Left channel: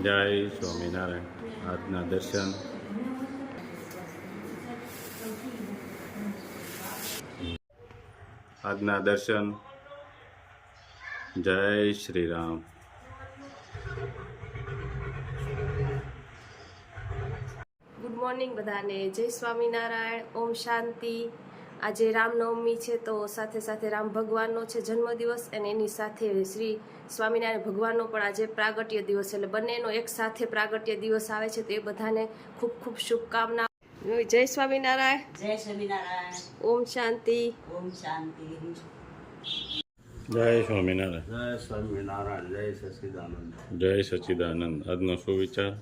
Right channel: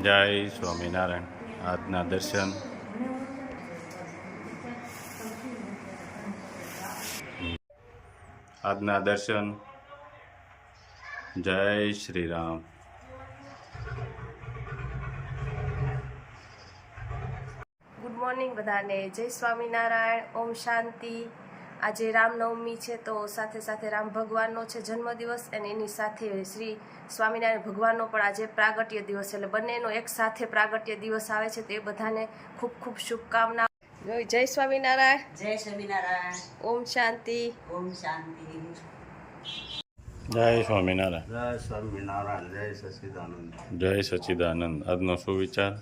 જય સ્વામિનારાયણ આજના દર્શન આજના દર્શન જય શ્રી રામ ગુડ મોર્નિંગ બધાને જય સ્વામિનારાયણ ઓમ શાંતિ આજે રામનવમી છે તો સાથે સાથે રામ ભગવાનનો છે જન્મદિવસ અને એની સાથે શ્રી સ્વામિનારાયણ ભગવાનનો પણ આજે પ્રાગટ્ય દિવસ એટલે બંનેનો એક સાથે પ્રાગટ્ય દિવસ આવે છે તો એ બધાને ખૂબ ખૂબ શુભકામના. જય સ્વામિનારાયણ. જય સ્વામિનારાયણ. ઓમ શાંતિ. ઓમ શાંતિ. જય સ્વામિનારાયણ. જય સ્વામિનારાયણ. જય સચિદાનંદ. જય સચિદાનંદ. આજનો સુવિચાર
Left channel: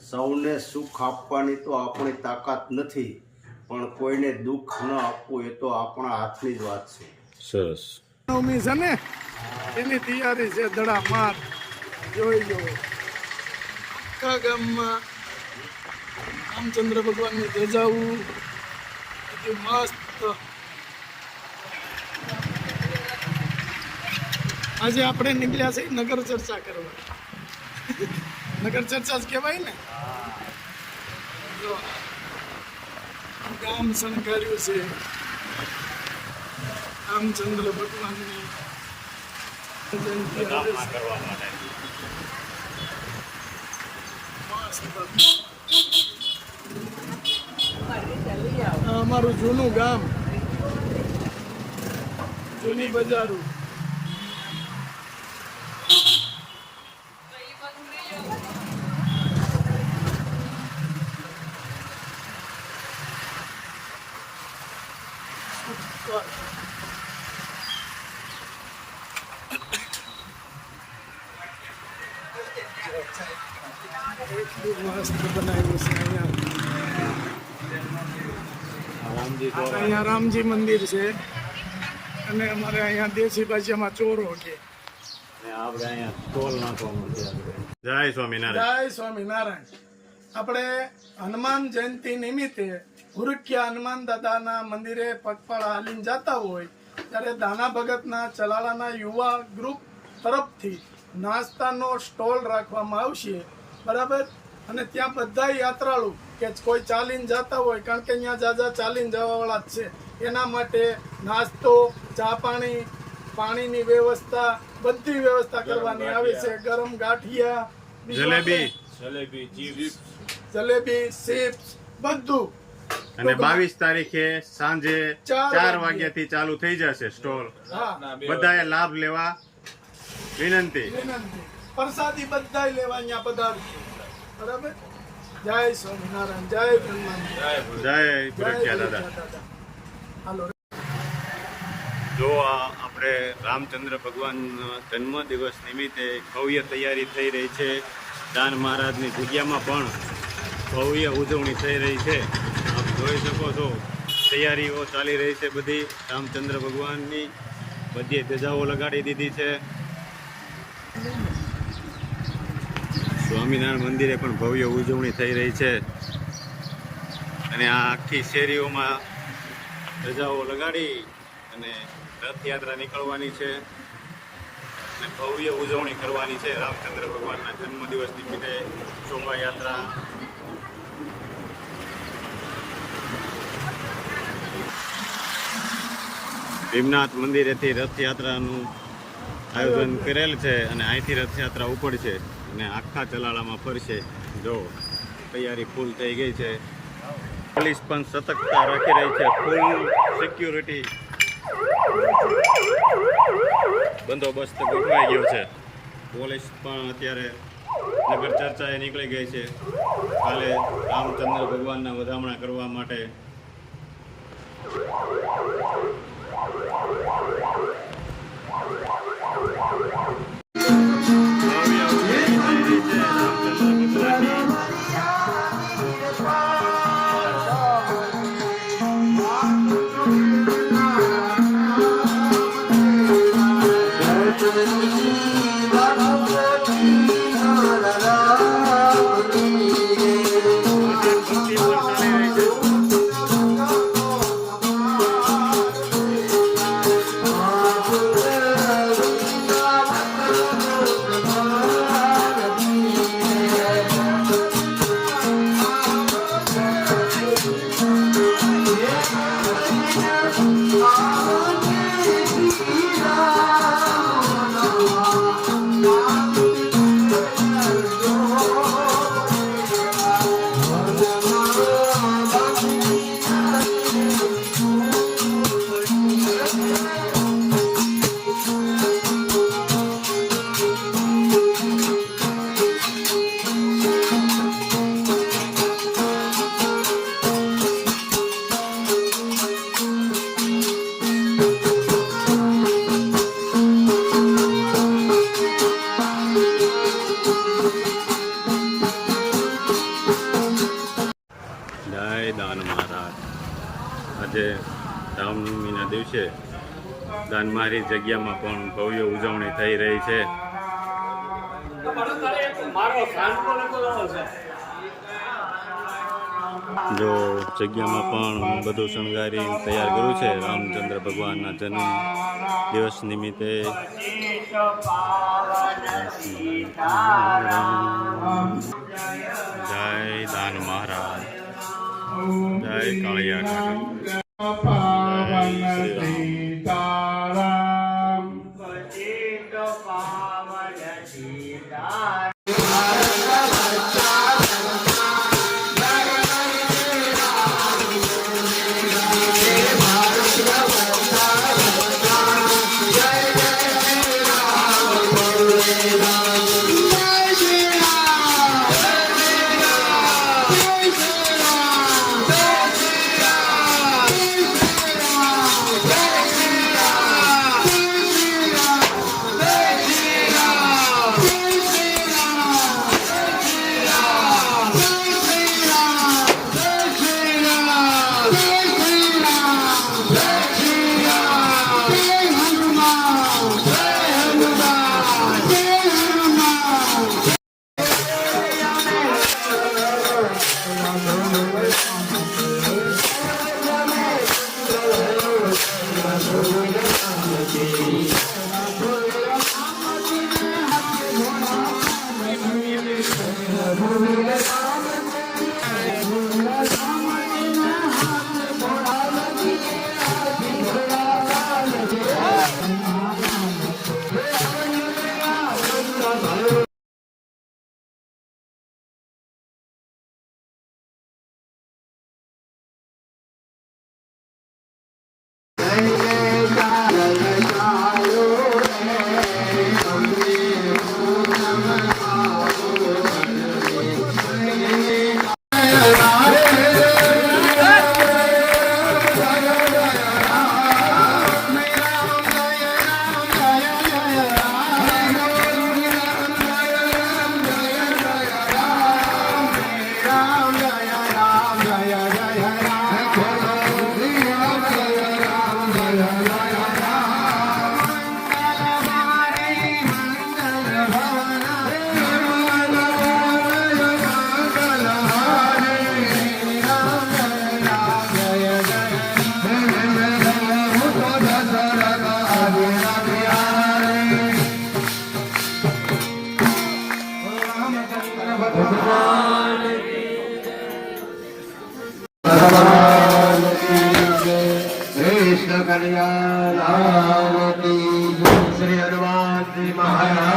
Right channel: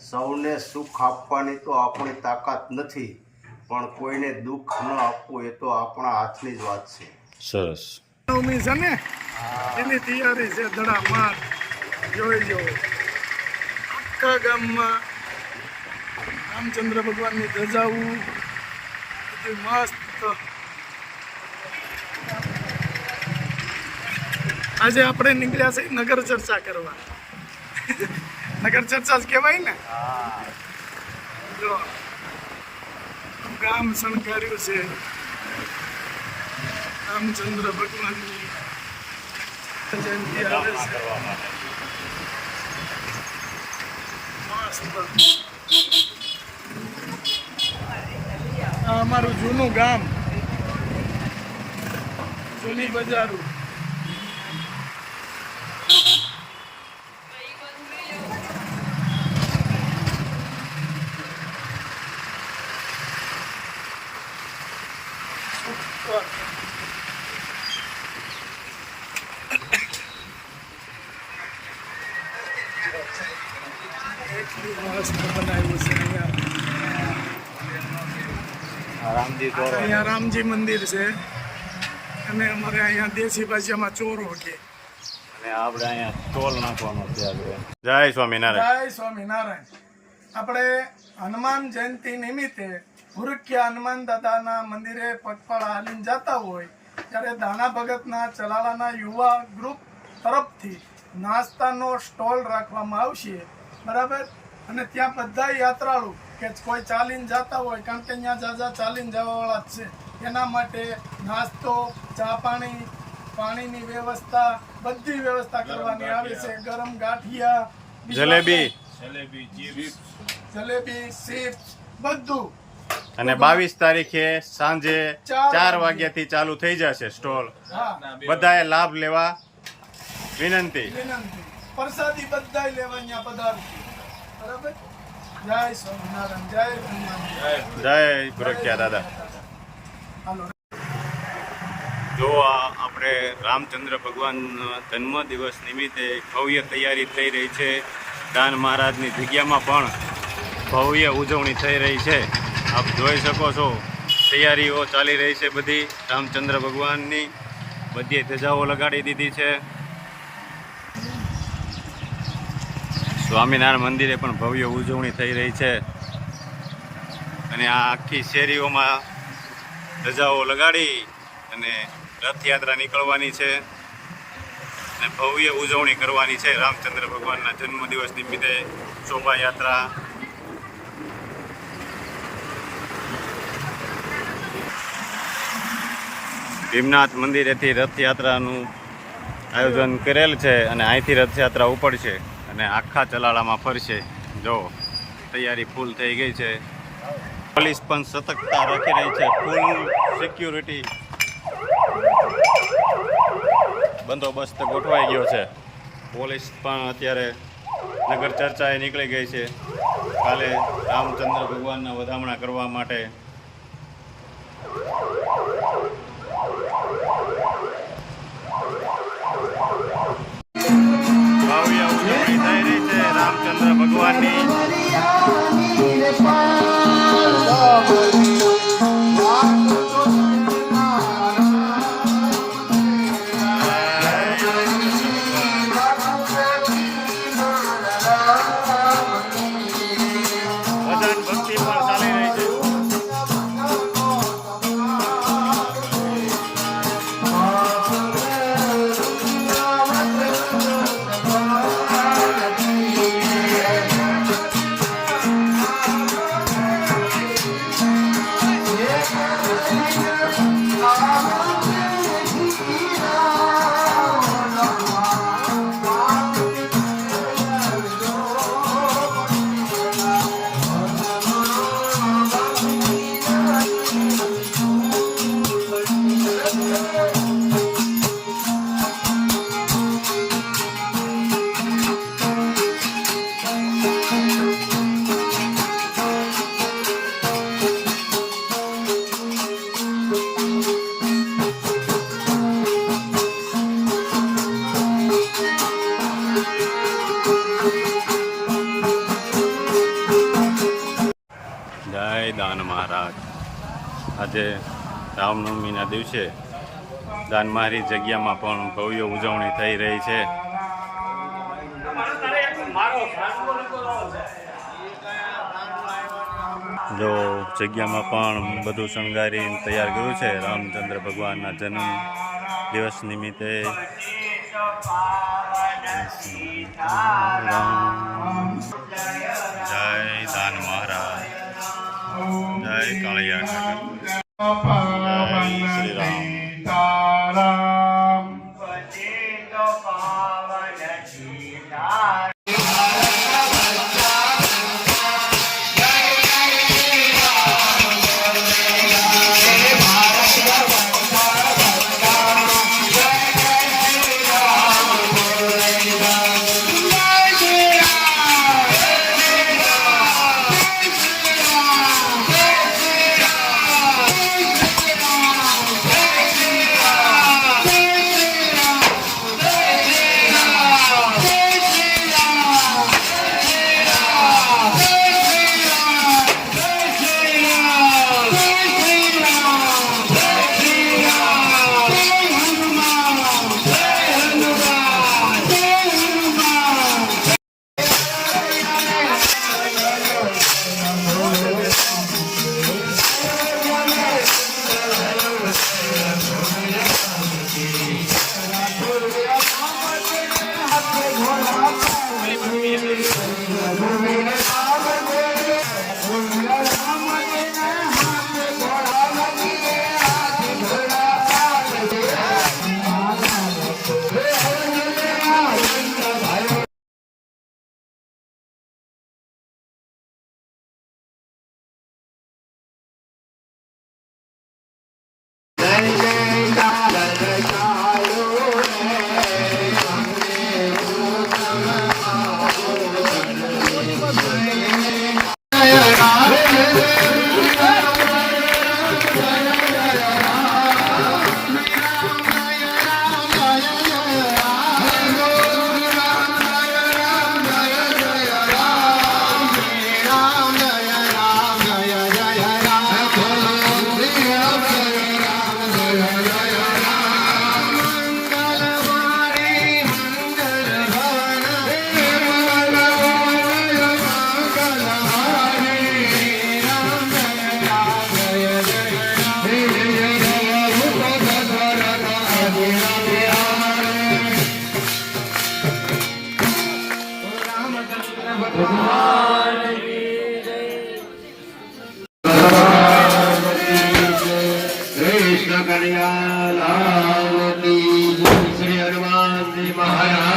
સૌને સુખ આપવાની તો આપણી તાકાત નથી. પણ કોઈને દુઃખ ન આપવું એ તો આપણા હાથની જ વાત છે. સરસ. નવમી છે ને? એની તૈયારી છે ધડામાર. જોઈ જો આખા ગામમાં રામચંદ્ર ભગવાનની ધજાઓ. બધું મસ્ત. આજે આપણે નીકળ્યા છે નગર ચર્ચા કરવા. નગર ચર્ચા જ કહેવાય ને? જો. ગામ શણગાર્યું છે. રામચંદ્ર ભગવાનની જયંતિ આવે છે. મસ્ત. અમારું જૂનું ગામ. જૂની બજારું ઉપર એટલું મસ્ત બનાવ્યું છે અહીંયા રામજી અહીંયા રામજી મંદિર છે. અને અમારે અહીંયા દેશી ભાષામાં ચોરો કે અને આપણે અહીંયા ટોલ નાખવાનો છે આપણે. જય સ્વામિનારાયણ. જય સ્વામિનારાયણ. આપણે હનુમાન જયંતિ નિમિત્તે ગુરુખ્યા હનુમાન દાદાના મંદિરે પગપાળા હાલીને જતા હોય ત્યારે દાના ભગતના ચલાળાના યુવા ગ્રુપ તરફથી નાસ્તાનો સ્ટોલ રાખવામાં આવશે. બરાબર? અને ત્યાં બધા યાત્રાળુ કે કોઈ ચાલીને જતા હોય કારણ કે અહીંયા જાજા ચાલીને જવાવાળા જ છે એના માટે નાસ્તો ચા પાણી પાણીની વ્યવસ્થા બધી વ્યવસ્થા કરવાની આવે છે. ગરમ ગાંઠિયા જલેબી. જલેબી જલેબી ચિપ્સ બધું. અને બાવીસ તારીખે સાંજે ચાર ચાર વાગ્યે. વાગ્યાથી ચાલુ થઈ જશે સ્ટોલ. બધાએ લાભ લેવા વિનંતી. પ્રસાદી બધા લેવા અહીંયા પધારશે. બરાબર? જય સ્વામિનારાયણ જય બ્રહ્માનંદ જય ગુરખ્યા દાદા. જો આ આપણે રામચંદ્ર ભગવાન જન્મ દિવસ નિમિત્તે ભવ્ય તૈયારી થઈ રહી છે. દાન મહારાજની જગ્યામાં પણ ભવ્ય ઉજવણી થઈ રહી છે. આપ જોઈ શકો છો, તૈયારીઓ ચાલી રહી છે બધી. રામચંદ્ર ભગવાનની બધી ધજાઓ લગાડી દીધી છે. સ્વામિનારાયણ મંદિરે પણ ભવ્ય ઉજવણી થઈ રહી છે. અને આ આખી શેરીઓમાં ધજાઓ લગાડી અને રથયાત્રા નીકળવાની છે. અને ભવ્ય ઉજવણી કરવાની છે રામચંદ્ર ભગવાનના જન્મદિવસ નિમિત્તે શોભાયાત્રા ભીમનાથ મંદિરેથી રથયાત્રાનું આયોજન કરેલ છે અને અહીંથી રથયાત્રા ઉપડશે અને આખા ચલાળામાં ફરશે. જો, તૈયારી ફૂલ થઈ ગઈ છે. પોલીસ પણ સતર્કતા રાખી રહી છે. ફૂલ સિક્યુરિટી બંદોબસ્ત ગોઠવાઈ ગયો છે. પોલીસ પણ અત્યારે નગર ચર્ચાએ નીકળી ગઈ છે. કાલે રામચંદ્ર ભગવાનના વધામણા કરવા માટે ભવ્ય ઉજવણી થઈ રહી આજે રામનવમીના દિવસે દાનમારી જગ્યામાં પણ ભવ્ય ઉજવણી થઈ રહી છે. જો જગ્યામાં પણ બધું શણગારી તૈયાર કર્યું છે, રામચંદ્ર ભગવાનના જન્મ દિવસ નિમિત્તે. રામ. જય દાન મહારાજ. જય કાળિયા Apa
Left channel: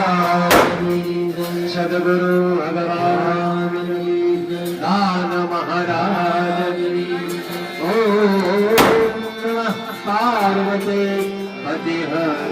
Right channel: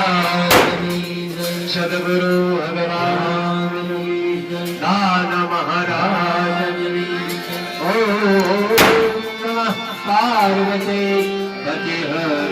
મહારાજ કી જય. સદગુરુ ભગવાન કી જય. દાન મહારાજ કી જય. ઓમ નમઃ પાર્વતી પતિ હર